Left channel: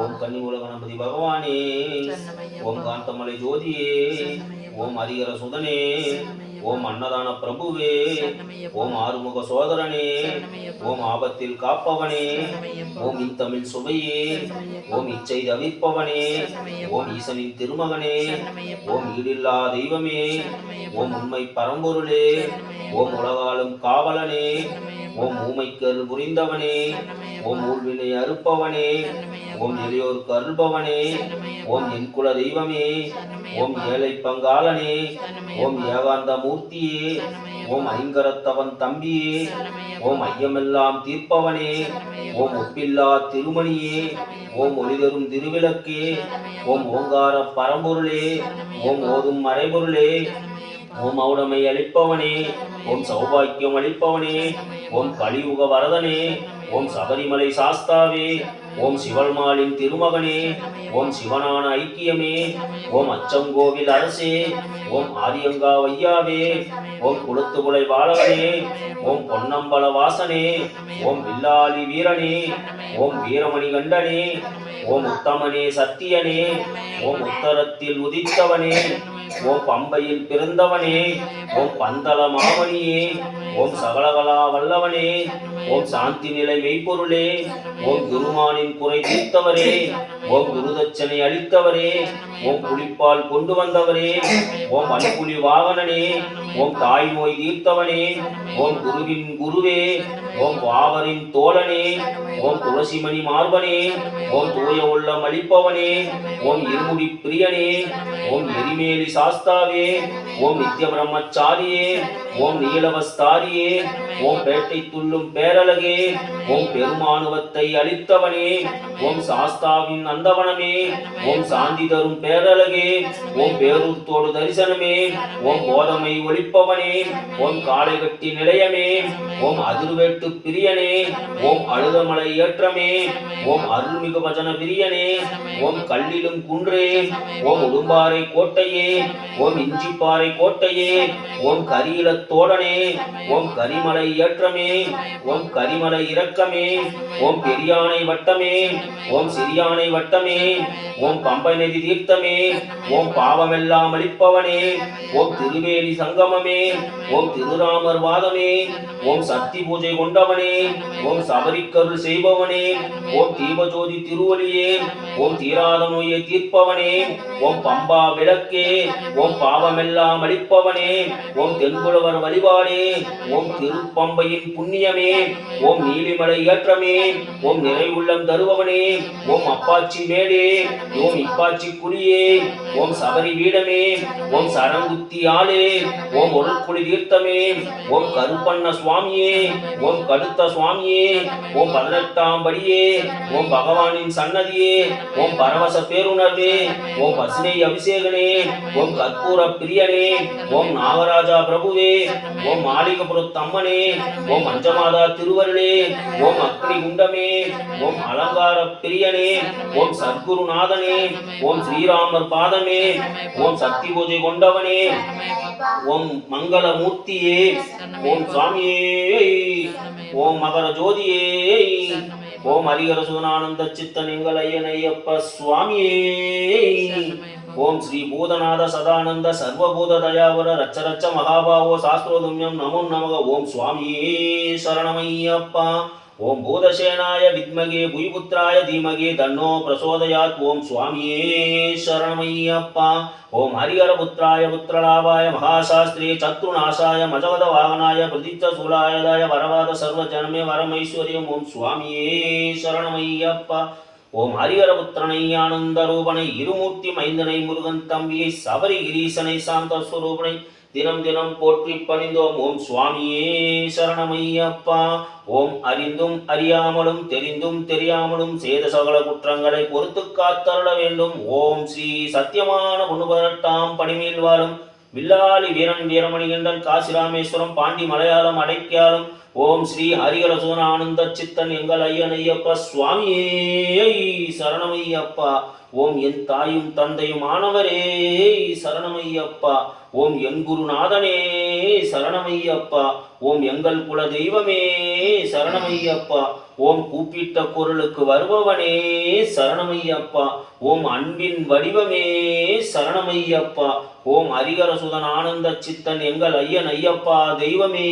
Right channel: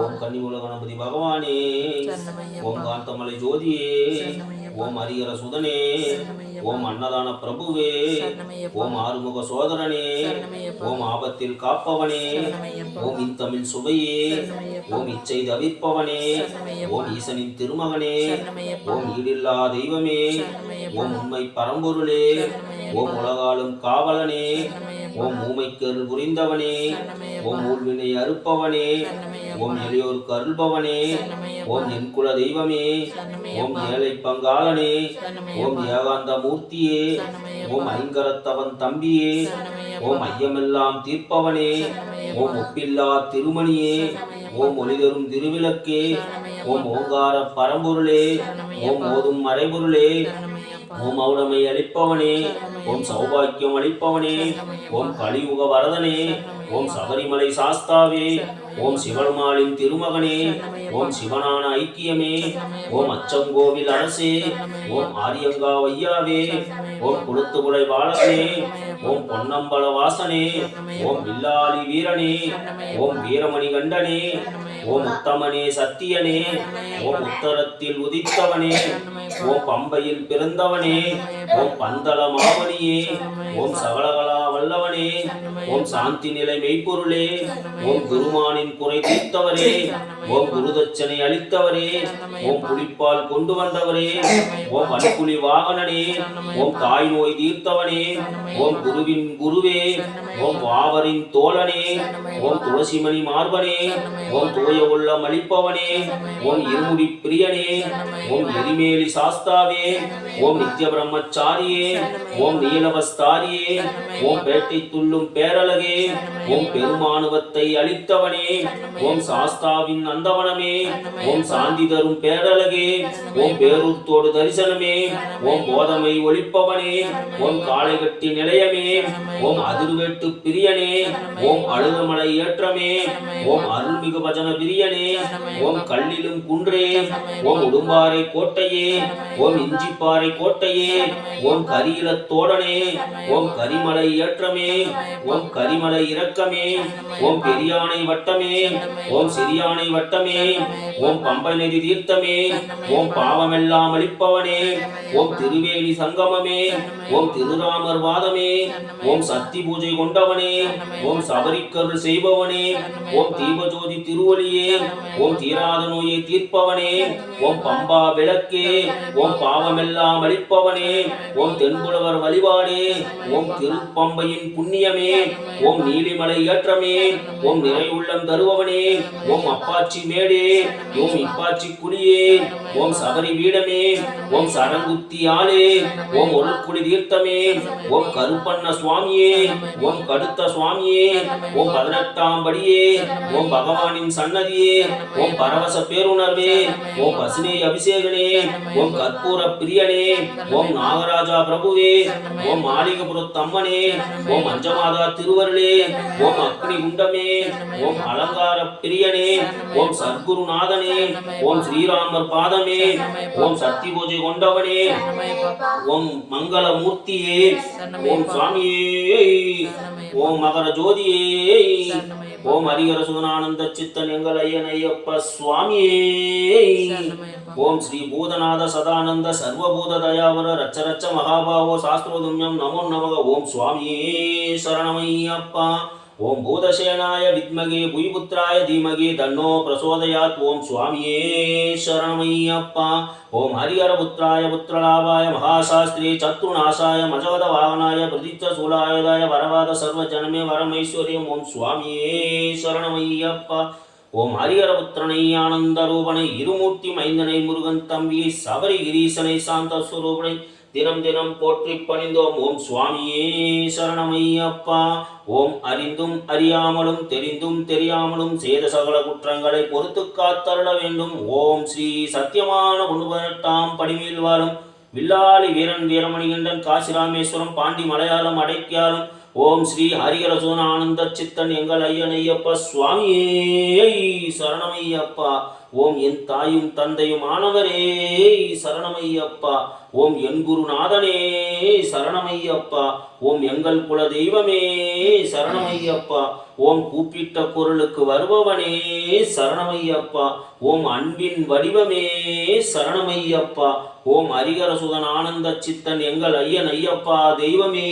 ஓம் கன்னிமூல கணபதி பகவானே, ஓம் காந்தமலை ஜோதியே, ஓம் ஹரிஹர சுதனே, ஓம் அன்னதான பிரபுவே, ஓம் ஆறுமுக சோதரனே, ஓம் ஆபத்தில் காப்பவனே, ஓம் இன்தமிழ் சுவையே, ஓம் இச்சை தவிர்ப்பவனே, ஓம் ஈசனின் திருமகனே, ஓம் ஈடில்லா தெய்வமே, ஓம் உண்மை பரம்பொருளே, ஓம் உலகாலும் காவலனே, ஓம் ஊமைக்கரு புரிந்தவனே, ஓம் ஊழ்வினை அறுப்பவனே, ஓம் எளியோருக்கு அருள்பவனே, ஓம் என் குல தெய்வமே, ஓம் ஏழை பங்காளனே, ஓம் ஏகாந்த மூர்த்தியே, ஓம் ஐங்கரத்தவன் தம்பியே, ஓம் ஐயமெல்லாம் தீர்ப்பவனே, ஓம் ஒப்பில்லா திருமணியே, ஓம் ஒளிதரும் திருவிளக்கே, ஓம் ஓங்கார பரம்பொருளே, ஓம் ஓதும் மறைபொருளே, ஓம் ஔடமை அளிப்பவனே, ஓம் சௌபாக்கியம் அளிப்பவனே, ஓம் கலியுக வரதனே, ஓம் சபரிமலை சாஸ்தாவே, ஓம் சிவன்மாலின் திருமகனே, ஓம் சிவனான ஐக்கியமே, ஓம் அச்சங்கோவில் அரசே, ஓம் ஆரியங்கா வையாவே, ஓம் குளத்துகுலை பாலகனே, ஓம் பொன்னம்பல வாசனே, ஓம் வில்லாளி வீரனே, ஓம் வீரமணி கண்டனே, ஓம் உத்தமனே சத்தியனே, ஓம் உத்தரத்தில் உதித்தவனே, ஓம் பம்பையில் பிறந்தவனே, ஓம் பந்தள மாமணியே, ஓம் சகலகலா வல்லவனே, ஓம் சாந்தி நிலை மெய்ப்பொருளே, ஓம் குருமானின் குறை தீர்த்தவரே, ஓம் குருதட்சணை அளித்தவரே, ஓம் புலிப்பால் கொண்டு வந்தவரே, ஓம் வன்புலி வாகனனே, ஓம் தாய் நோய் தீர்த்தவனே, ஓம் குருவின் குருவே, ஓம் வாவரின் தோழனே, ஓம் துளசிமணி மார்பனே, ஓம் தூய உள்ளம் அளிப்பவனே, ஓம் இருமுடி பிரியனே, ஓம் எரிமேலி சாஸ்தாவே, ஓம் நித்திய பிரம்மச்சாரியே, ஓம் நீலவஸ்தாரியே, ஓம் பேட்டை துள்ளும் பேரழகே, ஓம் பெருமானுவத்தை அளித்தவனே, ஓம் சாஸ்தாவின் அந்தவனமே, ஓம் சாந்தி தரும் பேரழகே, ஓம் பேரூர்த்தோடு தரிசனமே, ஓம் போதமை ஒளிப்பவனே, ஓம் காளை கட்டி நிலையமே, ஓம் அதிர்வேட்டு பிரியனே, ஓம் அழுதமலை ஏற்றமே, ஓம் அருள்மிகு பஜன பிரியனே, ஓம் கல்லிலும் குன்றே, ஓம் உடும்பாறை கோட்டையே, ஓம் இஞ்சிப்பாறை கோட்டையே, ஓம் கரியில தோழனே, ஓம் கரிமலை ஏற்றமே, ஓம் கரிமலை இரக்கமே, ஓம் பெரியானை வட்டமே, ஓம் சிறியானை வட்டமே, ஓம் பம்பை நதி தீர்த்தமே, ஓம் பாவமெல்லாம் அளிப்பவனே, ஓம் திருவேணி சங்கமமே, ஓம் திருராமர் வாதமே, ஓம் சக்தி பூஜை கொண்டவனே, ஓம் சபரிக்கருள் செய்பவனே, ஓம் தீபஜோதி திருவொலியே, ஓம் தீராத நோயை தீர்ப்பவனே, ஓம் பம்பா விளக்கே, ஓம் பாவமெல்லாம் அளிப்பவனே, ஓம் தென்புலவர் வழிபாடே, ஓம் திருப்பம்பையின் புண்ணியமே, ஓம் நீலிமலை ஏற்றமே, ஓம் நிறை உள்ளம் தருபவனே, ஓம் அப்பாச்சி மேடே, ஓம் இப்பாச்சி குழியே, ஓம் சபரி வீடமே, ஓம் சரங்குத்தி ஆளே, ஓம் ஒரு குடி தீர்த்தமே, ஓம் கருப்பண்ண சுவாமியே, ஓம் கடுத்த சுவாமியே, ஓம் 18ஆம் படியே, ஓம் பகவானின் சன்னதியே, ஓம் பரவச பேருணர்வே, ஓம் பசுனை அபிஷேகனே, ஓம் கற்பூர பிரியனே, ஓம் நாகராஜா பிரபுவே, ஓம் மாளிகபுரத்தம்மனே, ஓம் அஞ்சமாதா திருவருளே, ஓம் அக்னி குண்டமே, ஓம் அலங்கார பிரியனே, ஓம் சத்குருநாதனே, ஓம் ஸ்ரீராமர் பாதமே, ஓம் சக்தி பூஜை கொண்டவனே, ஓம் மங்கள மூர்த்தியே, ஓம் சுவாமியே, ஓம் மகர ஜோதியே, ஓம் ஹரிஹர சுதனானந்த சித்தன் எங்கள் ஐயன் ஐயப்ப சுவாமியே, ஓம் ஸ்ரீ பூதநாத சதானந்த சர்வபூத தயாவர ரச்சரச்ச மகாபாவோ சாஸ்திரோதும்யம் நமோ நமக. ஓம் சுவாமியே சரணமையப்பா. ஓம் பூதசேனாய வித்மகே புய்புத்ராய தீமகே தன்னோ பிரசோதயாத். ஓம் சுவாமியே சரணமையப்பா. ஓம் ஹரிஹரபுத்ராய புத்திரலாபாய மகாசாஸ்திரே சத்ருநாசாய மஜவத வாகனாய பிரதித்த சூலாயதாய வரவாத சர்வ ஜனமே வரமைஸ்வரியம். ஓம் சுவாமியே சரணமையப்பா. ஓம் ஹரிஹரபுத்திரனை ஆனந்த ரூபனை இருமூர்த்தி மைந்தனை முருகன் தம்பியை சபரி கிரீசனை சாந்த ஸ்வரூபனை தினம் தினம் போற்றி பணிந்தோம். ஓம் சுவாமியே சரணமையப்பா. ஓம் அறிந்தும் அறியாமலும் தெரிந்தும் தெரியாமலும் செய்த சகல குற்றங்களை பொறுத்து காத்தருள வேண்டும். ஓம் ஸ்ரீ சத்தியமான 18ஆம் படிமேல் வாழும் வில்லாளி வீரன் வீரமணிகண்டன் காசிராமேஸ்வரம் பாண்டி மலையாளம் அடைக்காலும் ஓம் ஸ்ரீ ஹரிஹர சுதனானந்த சித்தன் எங்கள் ஐயன் ஐயப்ப சுவாமியே சரணமையப்பா. ஓம் என் தாயும் தந்தையும் ஆனவரே சரணமையப்பா. ஓம் என் குருநாதனே சரணமையப்பா. ஓம் எங்கள் குல தெய்வமே சரணமையப்பா. ஓம் கூப்பிட்ட குரலுக்கு வருபவனே சரணமையப்பா. ஓம் அன்பின் வடிவமே சரணமையப்பா. ஓம் ஹரிகர சுதன் ஆனந்த சித்தன் எங்கள் ஐயன் ஐயப்பா தெய்வமே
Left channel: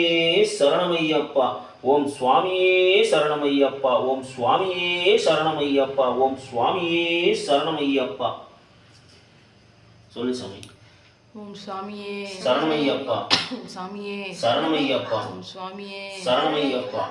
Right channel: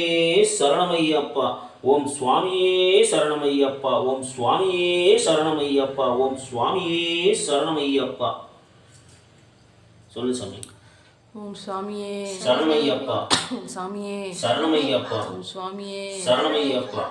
சரணமையப்பா. ஓம் சுவாமியே சரணமையப்பா. ஓம் சுவாமியே சரணமையப்பா. ஓம் சுவாமியே சரணமையப்பா. சொல்லு சாமி. ஓம் சுவாமியே சரணமையப்பா. சாமியே சரணமையப்பா. ஓம் சுவாமியே சரணமையப்பா.